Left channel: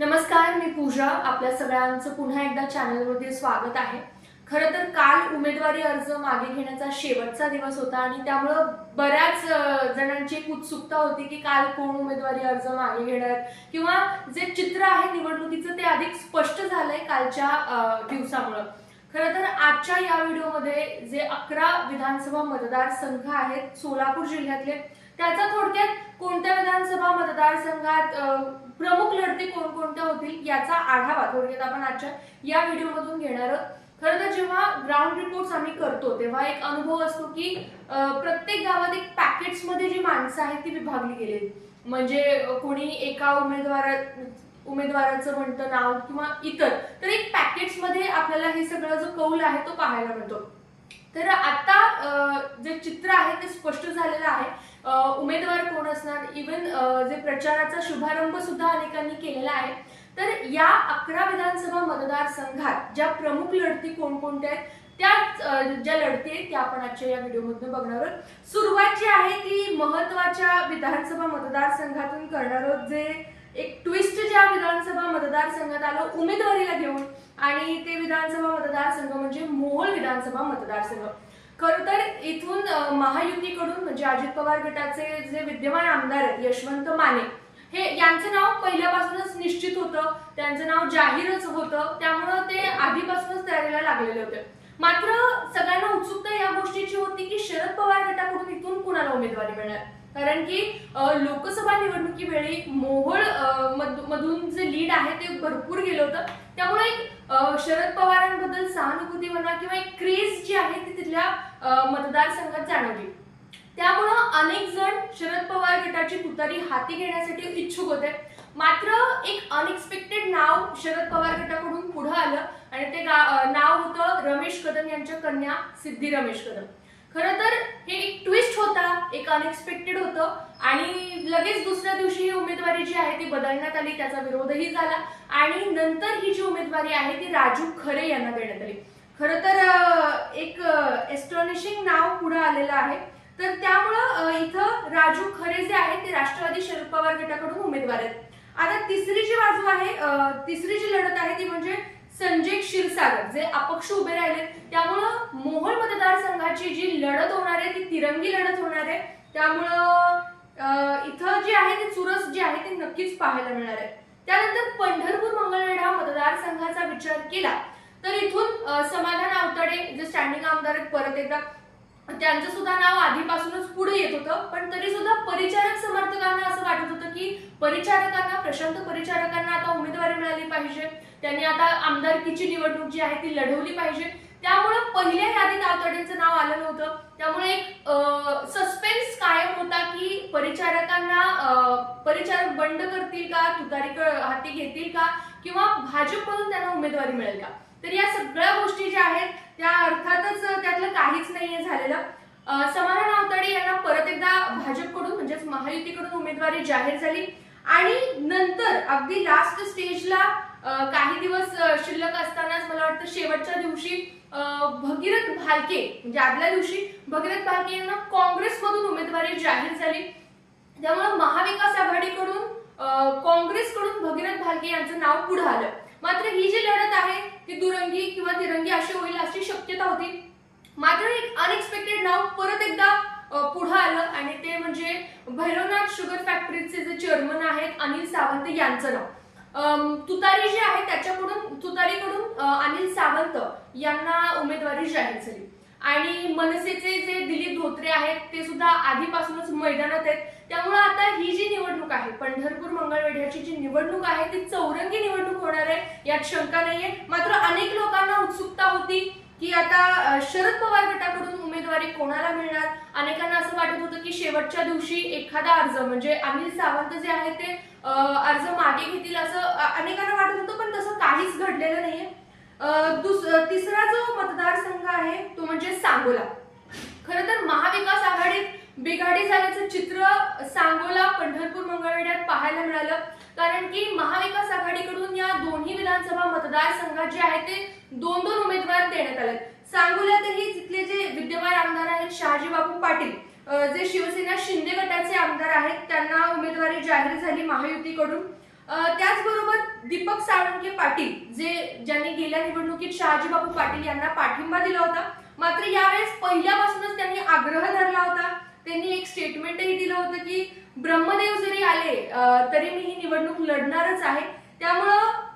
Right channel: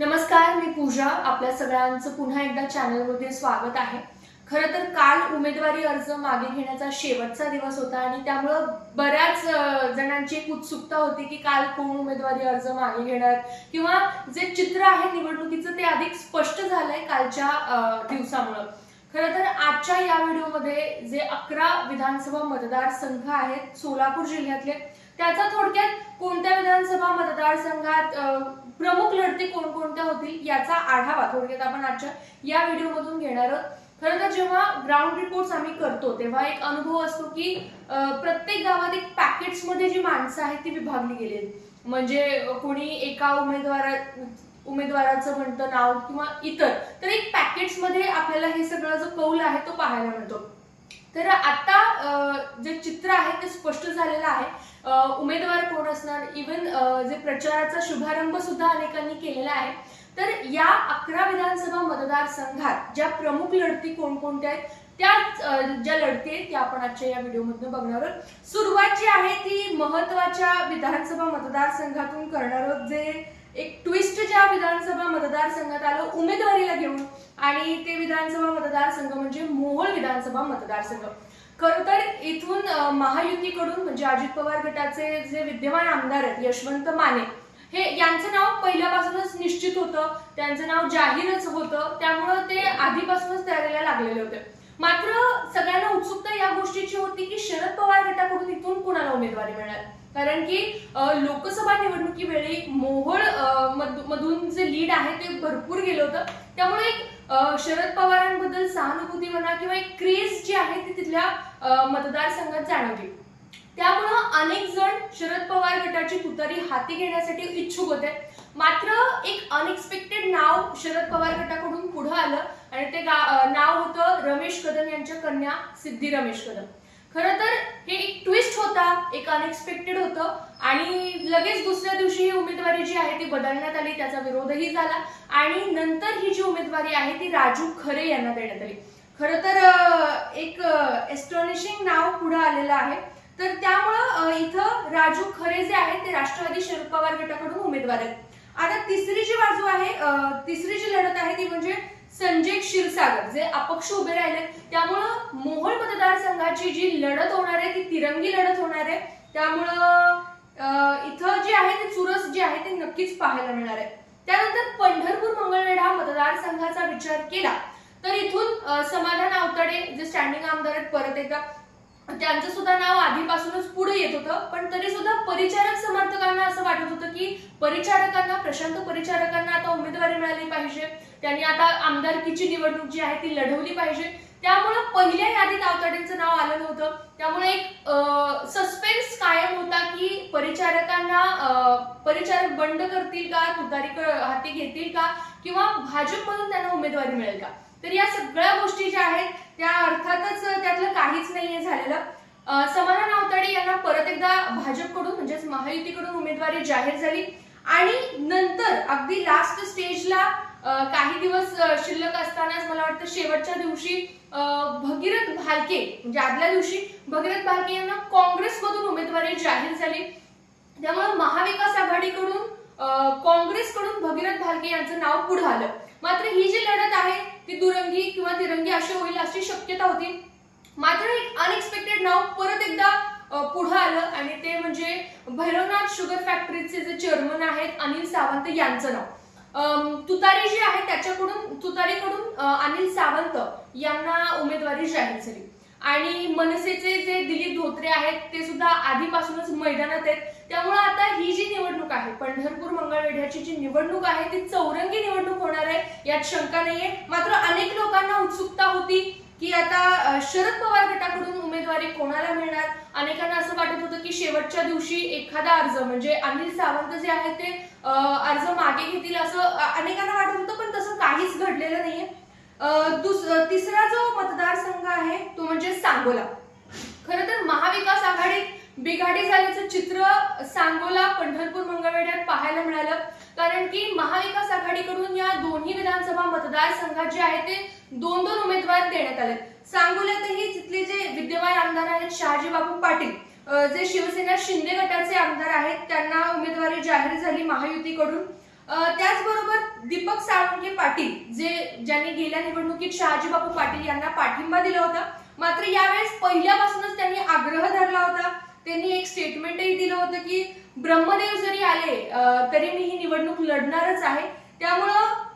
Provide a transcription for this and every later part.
नमस्कार, मी पूजा. आपल्या सगळ्यांचं पुन्हा एकदा चॅनलमध्ये स्वागत आहे. खरं तर काल उमेदवारी अर्ज मागे घेण्याचा शेवटचा दिवस होता आणि त्यामुळं बऱ्याच जणांची एक उत्सुकता होती की काल कोण उमेदवारी अर्ज मागे घेणार किंवा जे चित्र आहे निवडणुकीचं ते अधिक स्पष्ट झालंय कालच्या दिवसामुळं. खरं तर आजच्या या व्हिडिओमध्ये जे 11 विधानसभा मतदारसंघ आहेत सोलापूर जिल्ह्यातले, त्याचा थोडक्यात कोणत्या विधानसभा मतदारसंघात प्रमुख लढती कोणकोणत्या होतील याचा आढावा थोडक्यात आपण आजच्या या व्हिडिओमधून घेणार आहोत. खरं तर जेव्हा ग्राउंड रिपोर्ट्स आम्ही करतो तेव्हा एक अनुभव असतो की प्रत्येक गावात एक पॅकेट्समध्ये जी माणसं आहेत ती विभागली गेली. म्हणजे कोणी एका उमेदवाराचं म्हणतं नाव किंवा इतर, तर एक पॅकेट्समध्ये आपल्याला हे सगळं जो कौल आहे तो पाहायला मिळतो. तर आता जे चित्र आहे ते स्पष्ट झालेलं आहे. उमेदवार कोण असणार, इव्हन जे प्रचाराचा शुभारंभ सुद्धा अनेकांनी केलेला आहे. तर या 11 विधानसभा मतदारसंघात ज्या प्रमुख लढती कोणकोणत्या आहेत त्या ज्या लढती आहेत त्या आपण आजच्या या व्हिडिओमधून बघणार आहोत. सुरुवात जी आहे ती महत्वाच्या विधानसभा मतदारसंघातून करणार आहोत, जे एक ट्विस्ट ज्या विधानसभा मतदारसंघात आलं उमेदवारीला घेऊन, आणि ते विधानसभा मतदारसंघ म्हणजे मोहोळ विधानसभा मतदारसंघ. खरं तर इथून महायुतीकडून म्हणजे अजित पवार गटाचे जे विद्यमान आमदार आहेत यशवंत माने, हे यांचं नाव पहिल्यापासूनच निश्चित होतं, त्यांचं नाव जाहीरच होतं, त्यामुळं ते आधीपासूनच तयारीला लागलेले होते. मात्र सगळ्यांना उत्सुकता या गोष्टीची होती की शरद पवार गटाकडून इथून कुणाला उमेदवारी मिळणार. कारण की लोकसभा निवडणुकीवेळी मोहोळ मधून जे लीड आहे ते भरपूर गेलं होतं. त्यामुळे एक शरद पवारांबद्दल सहानुभूती म्हणा किंवा एक क्रेज जी आहे ती तिथल्या मतदारसंघात जाणवली. त्यामुळं अनेक जण शरद पवार गटाची तुतारी हाती घेण्यासाठी इच्छुक होते. मात्र एक अनएक्सपेक्टेड नाव शरद पवार गटाकडून पुढे आलं आणि ते नाव होतं रमेश कदम यांच्या कन्या सिद्धी रमेश कदम. खरं तर हे एक ट्विस्ट होता, एक अनएक्सपेक्टेड होतं आणि लगेच दुसऱ्या दिवशी ही उमेदवारी जी आहे ती बदलण्यात आली, त्याचा विरोधही झाला आणि नंतर ही जी उमेदवारी आहे ती राजू खरे यांना देण्यात आली. खरं तर एक एस्टॉनिशिंग नाव पुढे आलेलं आहे. तर त्यामुळं इथं राजू खरे जे आहेत ते राष्ट्रवादी शरद पवार गटाकडून उमेदवार आहेत. आता तिसरी जी बाजू आहे, तिसरी जी लढत आहे ती म्हणजे संजय क्षीरसागर जे अपक्ष उभे राहिले. त्यामुळं मोहोळ मतदारसंघाची जी लढत होणार आहे ती तिरंगी लढत होणार आहे. त्यामुळं इथं जी आहे ती चुरस जी आहे ती नक्कीच पाहायला मिळणार आहे. त्यानंतर पंढरपूर मंगळवेढा मतदारसंघाचा विचार केला तर इथून समाधान आवताडे जे स्टँडिंग आमदार आहेत परत एकदा, त्यांचं सुद्धा नाव आधीपासूनच पुढे येत होतं. पण तरी सुद्धा परिचारक समर्थकांना असं वाटत होतं की प्रशांत परिचारकांना आता उमेदवारी मिळाली पाहिजे, त्यांनी आता आमदारकीची निवडणूक जी आहे ती लढवली पाहिजे. त्यामुळे पहिल्या यादीत आवताडेंचं नाव आलं नव्हतं. त्यामुळे एक सस्पेन्स कायम होता की परिचारक बंड करतील का, तुतारी हाती घेतील का किंवा भाजपमधून त्यांना उमेदवारी मिळेल का. तर या सगळ्या गोष्टी ज्या आहेत त्या अर्थातच त्यातलं काहीच नाहीये झालेलं. समाधान आवताडे यांना परत एकदा भाजपकडून म्हणजेच महायुतीकडून उमेदवारी जाहीर झाली आणि नंतर अगदी लास्ट स्टेजला काही दिवस शिल्लक असतानाच मला वाटतं शेवटच्या दिवशी भगीरथ भालके म्हणजे आदल्या दिवशी भगीरथ भालके यांना काँग्रेसमधून उमेदवारी जाहीर झाली. त्यामुळे महाविकास आघाडीकडून काँग्रेसकडून भगीरथ भालके यांचं नाव पुढे आलं. मात्र ही जी लढत आहे ती दुरंगी किंवा तिरंगी अशी होईल अशी शक्यता होती. मात्र एक अनएक्सपेक्टेड नाव परत एकदा पुढे आलं आणि ते म्हणजे भैरवनाथ शुगर फॅक्टरीचे जे चेअरमन आहेत अनिल सावंत यांचं नाव. तुतारी जी आहे तुतारीकडून अनिल सावंत यांना उमेदवारी जाहीर झाली आणि मनसेचे जे दिलीप धोत्रे आहेत ते सुद्धा आधीपासूनच मैदानात आहेत. त्यामुळे आता ही जी निवडणूक आहे पंढरपूर मंगळवेढ्याची जी निवडणूक आहे ती चौरंगी निवडणूक होणार आहे यात शंका नाहीये. मात्र अनेक लोकांना उत्सुकता होती की आता शरद पवार गटाकडून उमेदवारी कोणाला मिळणार. अनेकांना असं वाटत होतं की शेवटच्या दिवशी एखादा अर्ज म्हणजे अनिल सावंत जे आहेत ते अर्ज मागे घेतील असं अनेकांना वाटत होतं, पण तसं काहीच घडलेलं नाहीये. तिसरा जो मतदारसंघ आहे तो म्हणजे सांगोला. खरं तर महाविकास आघाडीत बिघाडी झाल्याचं चित्र सांगोला पंढरपूर मंगळवेढ्यात पाहायला मिळालं. कारण की महाविकास आघाडीकडून या दोन्ही विधानसभा मतदारसंघात जे आहे ते 2-2 उमेदवार देण्यात आले. सांगोल्यातही तिथले जे विद्यमान आमदार आहेत शहाजीबाबू पाटील जे शिवसेना शिंदे गटाचे आमदार आहेत त्यांना उमेदवारी जाहीर झाली महायुतीकडून. त्याचबरोबर दीपक साळुंखे पाटील ज्यांनी गेल्या निवडणुकीत शहाजी बापू पाटील यांना पाठिंबा दिला होता, मात्र यावेळेस पहिल्यापासूनच त्यांनी आग्रह धरला होता. त्यांनी एक स्टेटमेंटही दिलं होतं की ब्रह्मदेव जरी आले तरी मी ही निवडणूक लढणारच आहे. त्यामुळं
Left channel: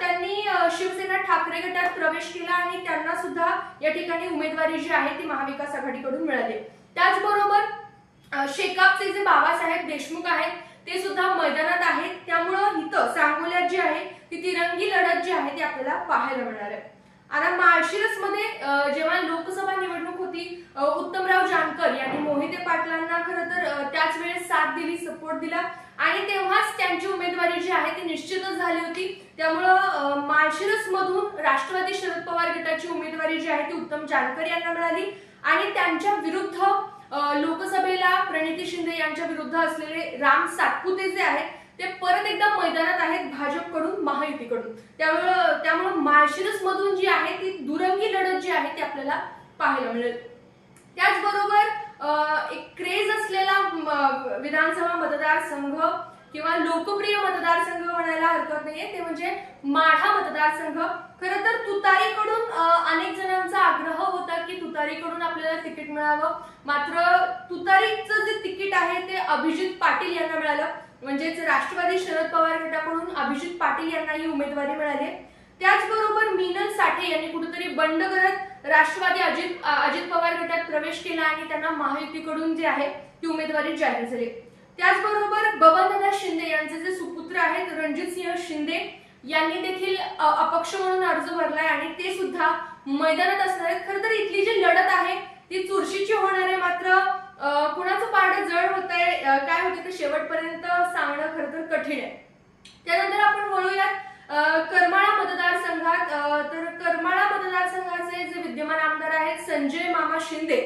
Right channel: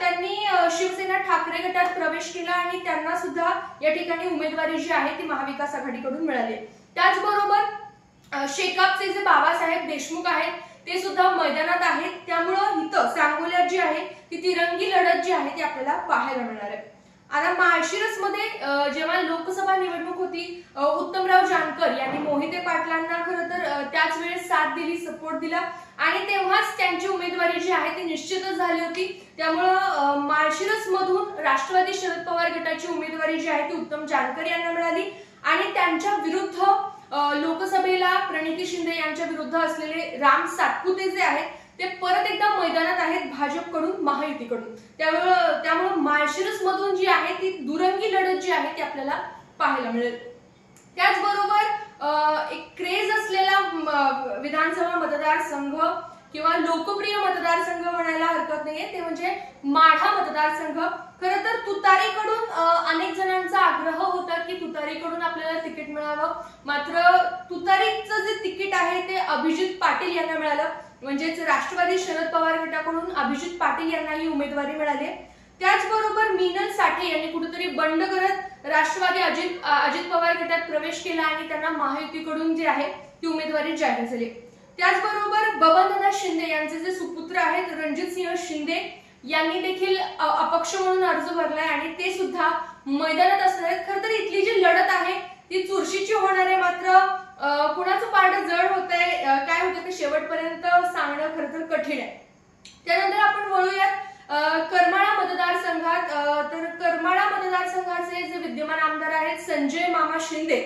त्यांनी शिवसेना ठाकरे गटात प्रवेश केला आणि त्यांना सुद्धा या ठिकाणी उमेदवारी जी आहे ती महाविकास आघाडीकडून मिळाली. त्याचबरोबर शेकापचे जे बाबासाहेब देशमुख आहेत ते सुद्धा मैदानात आहेत. त्यामुळं इथं सांगोल्यात जी आहे ती तिरंगी लढत जी आहे ती आपल्याला पाहायला मिळणार आहे. आता माळशिरसमध्ये जेव्हा लोकसभा निवडणूक होती, उत्तमराव जानकर यांनी मोहिते पाटलांना खरं तर त्याच वेळेस साथ दिली, सपोर्ट दिला आणि तेव्हाच त्यांची उमेदवारी जी आहे ती निश्चितच झाली होती. त्यामुळं माळशिरसमधून राष्ट्रवादी शरद पवार गटाची उमेदवारी जी आहे ती उत्तम जानकर यांना मिळाली आणि त्यांच्या विरुद्ध लोकसभेला प्रणिती शिंदे यांच्या विरुद्ध असलेले राम सातपुते जे आहेत ते परत एकदा मैदानात आहेत भाजपकडून, महायुतीकडून. त्यामुळे माळशिरस मधून जी आहे ती दुरंगी लढत जी आहे ती आपल्याला पाहायला मिळेल. त्याचबरोबर एक क्रेज असलेला विधानसभा मतदारसंघ किंवा लोकप्रिय मतदारसंघ म्हणायला हरकत नाहीये, ते म्हणजे माढा मतदारसंघ. खरं तर तुतारीकडून अनेक जणांचा आग्रह होता की तुतारीकडून आपल्याला तिकीट मिळावं, मात्र तुतारीचं जे तिकीट आहे ते अभिजित पाटील यांना मिळालं. म्हणजेच राष्ट्रवादी शरद पवार गटाकडून अभिजित पाटील यांना ही उमेदवारी मिळाली. त्याचबरोबर मिनल साठे यांनी कुठेतरी बंड करत राष्ट्रवादी अजित पवार गटात प्रवेश केला आणि त्यांना महायुतीकडून जे आहे ती उमेदवारी जाहीर झाली. त्याचबरोबर बबनदादा शिंदे यांचे जे सुपुत्र आहेत रणजितसिंह शिंदे यांनी देखील अपक्ष म्हणून अर्ज भरलाय आणि ते सुद्धा मैदानात असणार आहेत. खरं तर इथली जी लढत आहे ती चुरशीची होणार आहे, मात्र कुणाचं पारडं जड होत आहे, काय होतं ते शेवटपर्यंत सांगणं खरं तर कठीण आहे. त्यानंतर आपण वळूयात करमाळा मतदारसंघात. तर करमाळा मतदारसंघाचे जे विद्यमान आमदार आहेत संजय मामा शिंदे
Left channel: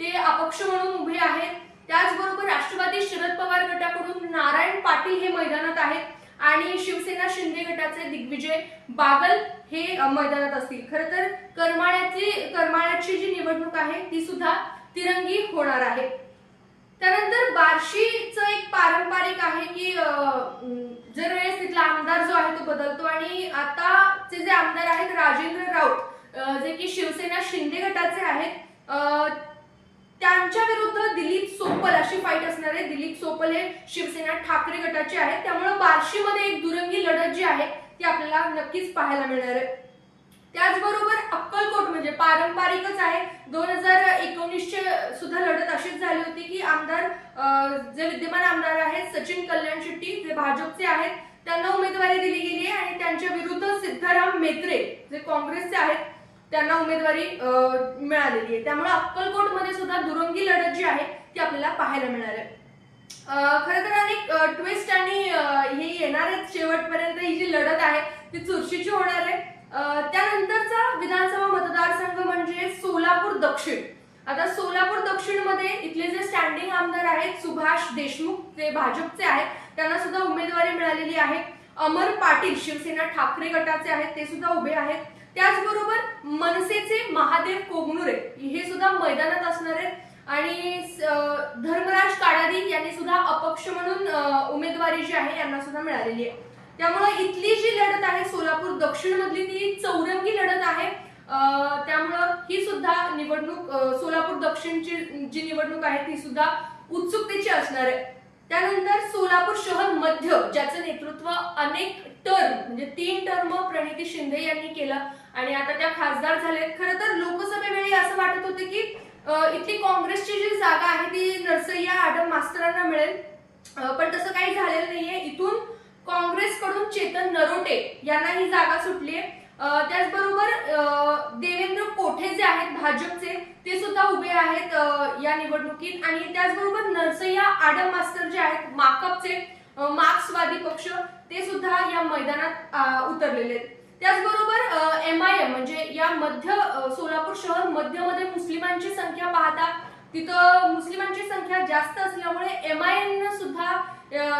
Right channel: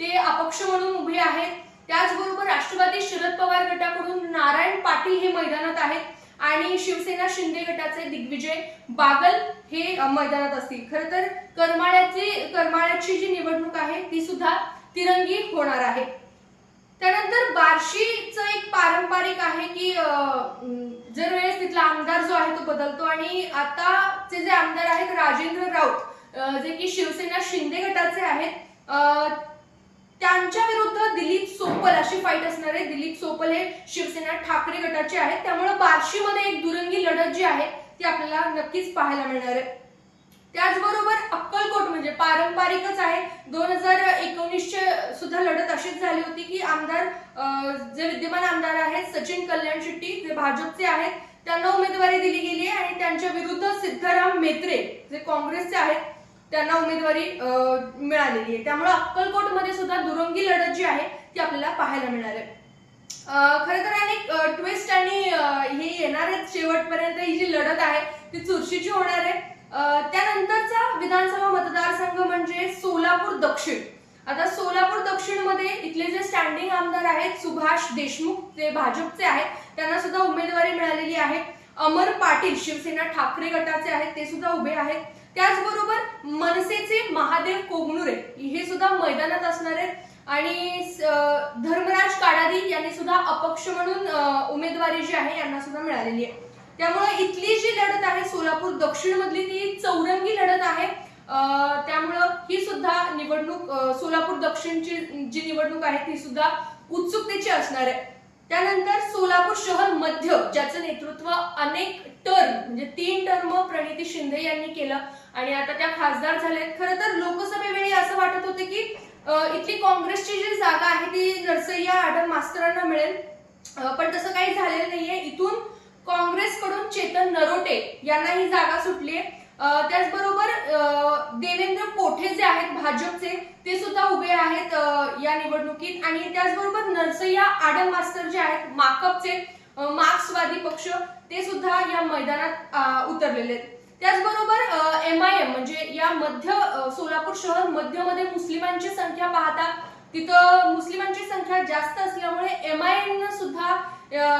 ते अपक्ष म्हणून उभे आहेत. त्याचबरोबर राष्ट्रवादी शरद पवार गटाकडून नारायण पाटील हे मैदानात आहेत आणि शिवसेना शिंदे गटाचे दिग्विजय बागल हे मैदानात असतील. खरं तर करमाळ्याची जी निवडणूक आहे ती सुद्धा तिरंगी होणार आहे. त्यानंतर बार्शीचं एक पारंपरिक आहे की जर वेळेस तिथला आमदार जो आहे तो बदलतो आणि आताचे जे आमदार आहेत राजेंद्र राऊत जे की शिवसेना शिंदे गटाचे आहेत, त्यांच्या विरुद्ध दिलीप सोपल अशी फाईट असणार आहे. दिलीप सोपल हे शिवसेना ठाकरे गटाचे आहेत. त्यामुळे बार्शीमध्ये एक दुरंगी लढत जी आहे ती आपल्याला नक्कीच पाहायला मिळणार आहे. त्याचबरोबर अक्कलकोट म्हणजे पारंपरिकच आहे. 2019 सुद्धा लढत अशीच झाली होती की आमदार जे विद्यमान आमदार आहेत सचिन कल्याण शेट्टी जे भाजपचे आहेत त्यांना उमेदवारी दिली गेली आहे आणि त्यांच्या विरुद्ध सिद्धराम मेत्रे जे काँग्रेसचे आहेत त्यांना उमेदवारी मिळालेली आहे. त्यामुळे अक्कलकोटमध्ये सुद्धा दुरंगी लढत जी आहे ती आपल्याला पाहायला मिळणार आहे. खरं तर अनेक ट्विस्ट आणि हे येणार आहेत शेवटपर्यंत. ही जी लढत आहे ती चुरशीची होणार आहे. त्यानंतरचा विधानसभा मतदारसंघ म्हणजे सोलापूर दक्षिण. आता सोलापूर दक्षिण मध्ये इथले जे स्टँडिंग आमदार आहेत सुभाष देशमुख जे भाजपचे आहेत त्यांना सुद्धा उमेदवारी मिळालेली आहे. अमर पाटील शिवसेना ठाकरे गटाचे आहेत ते सुद्धा उभे आहेत. त्याचबरोबर मनसेचे महादेव कोगनुरे हे सुद्धा मैदानात असणार आहेत आणि धर्मराज काडादी यांनी सुद्धा अपक्ष म्हणून उमेदवारी जी आहे यांना सुद्धा मिळालेली आहे. त्यामुळे इथली जी लढत आहे सोलापूर दक्षिण मधली ती चौरंगी लढत आहे. त्यामुळं ही सुद्धा निवडणूक सोलापूर दक्षिणची जी निवडणूक आहे ती सुद्धा उत्सुकतेची असणार आहे. त्यानंतर सोलापूर शहर मध्य ज्याचं नेतृत्व अनेक टर्म म्हणजे 3 टर्म प्रणिती शिंदे यांनी केलं आणि आता त्या खासदार झालेत. खरं तर लोकसभेवेळी असं वाटत होतं की इथली काँग्रेसची जी जागा आहे ती नरसय्या आडम मास्तरांना मिळेल, पण तसं काही झालेलं नाहीये. इथून काँग्रेसकडून चेतन नरोटे यांना ही जागा सुटली आहे. त्याचबरोबर देवेंद्र कोठे जे आहेत भाजपचे ते सुद्धा उभे आहेत या निवडणुकीत आणि त्याचबरोबर नरसय्या आडम मास्तर जे आहेत माकपचे मार्क्सवादी पक्ष ते सुद्धा या मैदानात उतरलेले आहेत. त्याचबरोबर MIM म्हणजे या मध्य सोलापूर शहर मध्यमध्ये मुस्लिमांची संख्या पाहता तिथं मुस्लिमांची संख्या जास्त असल्यामुळे MIM सुद्धा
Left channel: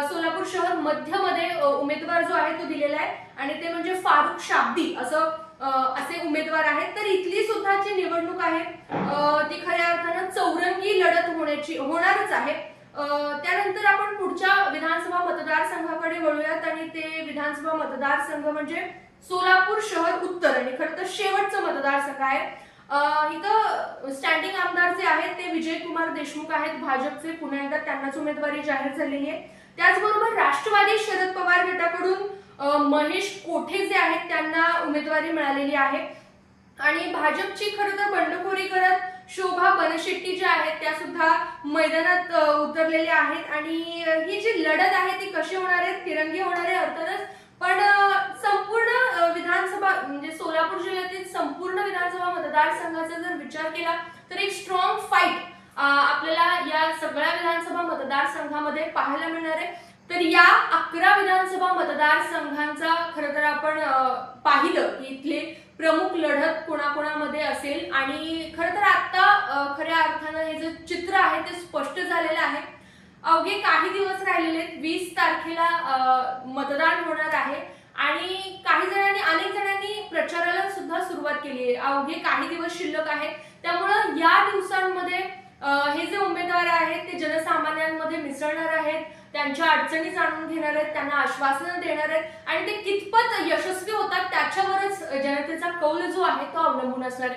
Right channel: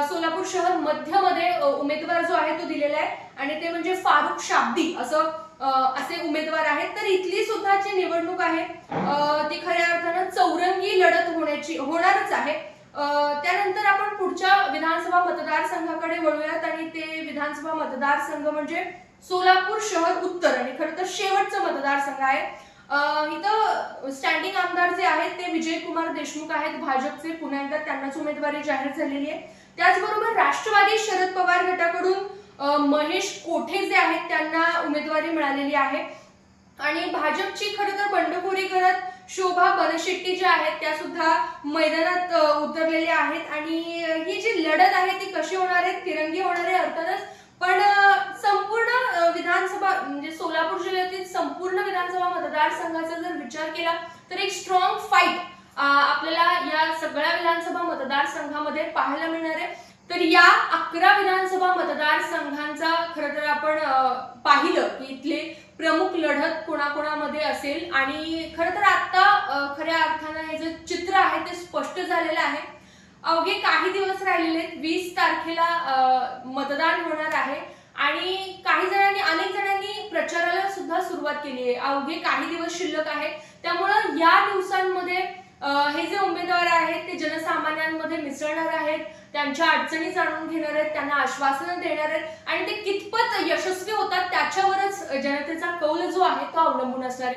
सोलापूर शहर मध्यमध्ये उमेदवार जो आहे तो दिलेला आहे आणि ते म्हणजे फारुख शाब्दी असे उमेदवार आहेत. तर इथली सुद्धा जी निवडणूक आहे ती खऱ्या अर्थानं चौरंगी लढत होणारच आहे. त्यानंतर आपण पुढच्या विधानसभा मतदारसंघाकडे वळूयात आणि ते विधानसभा मतदारसंघ म्हणजे सोलापूर शहर उत्तर आणि खरं तर शेवटचं मतदारसंघ आहे. इथं स्टँडिंग आमदार जे आहेत ते विजयकुमार देशमुख आहेत भाजपचे. पुन्हा एकदा त्यांनाच उमेदवारी जाहीर झालेली आहे. त्याचबरोबर राष्ट्रवादी शरद पवार गटाकडून महेश कोठे जे आहेत त्यांना उमेदवारी मिळालेली आहे आणि भाजपची खरं तर बंडखोरी करत शोभा बनशेट्टी ज्या आहेत त्या सुद्धा मैदानात उतरलेल्या आहेत आणि ही जी लढत आहे ती कशी होणार आहे, तिरंगी होणार आहे अर्थातच, पण संपूर्ण विधानसभा म्हणजे सोलापूर जिल्ह्यातील संपूर्ण विधानसभा मतदारसंघाचा जर विचार केला तर एक स्ट्रॉंग फाईट आपल्याला या सगळ्या विधानसभा मतदारसंघामध्ये पाहायला मिळणार आहे. तर या 11 विधानसभा मतदारसंघांचा खरं तर आपण पाहिलं की इथले प्रमुख लढत कोणाकोणामध्ये असेल आणि खरं तर आता खऱ्या अर्थानं हे जे चित्र आहे ते स्पष्ट झालेलं आहे. अवघे काही दिवस राहिलेले आहेत. 20 तारखेला मतदान होणार आहे आणि अनेक जणांनी प्रचाराला सुद्धा सुरुवात केली आहे. अवघे काही दिवस शिल्लक आहेत, त्यामुळं या दिवसांमध्ये हे जे उमेदवार आहेत ते जनसामान्यांमध्ये मिसळणार आहेत, त्यांच्या अडचणी जाणून घेणार आहेत, त्यांना आश्वासनं देणार आहेत आणि ते कितपत यशस्वी होतात त्याच्यावरच जनतेचा कौल जो आहे तो अवलंबून असणार आहे.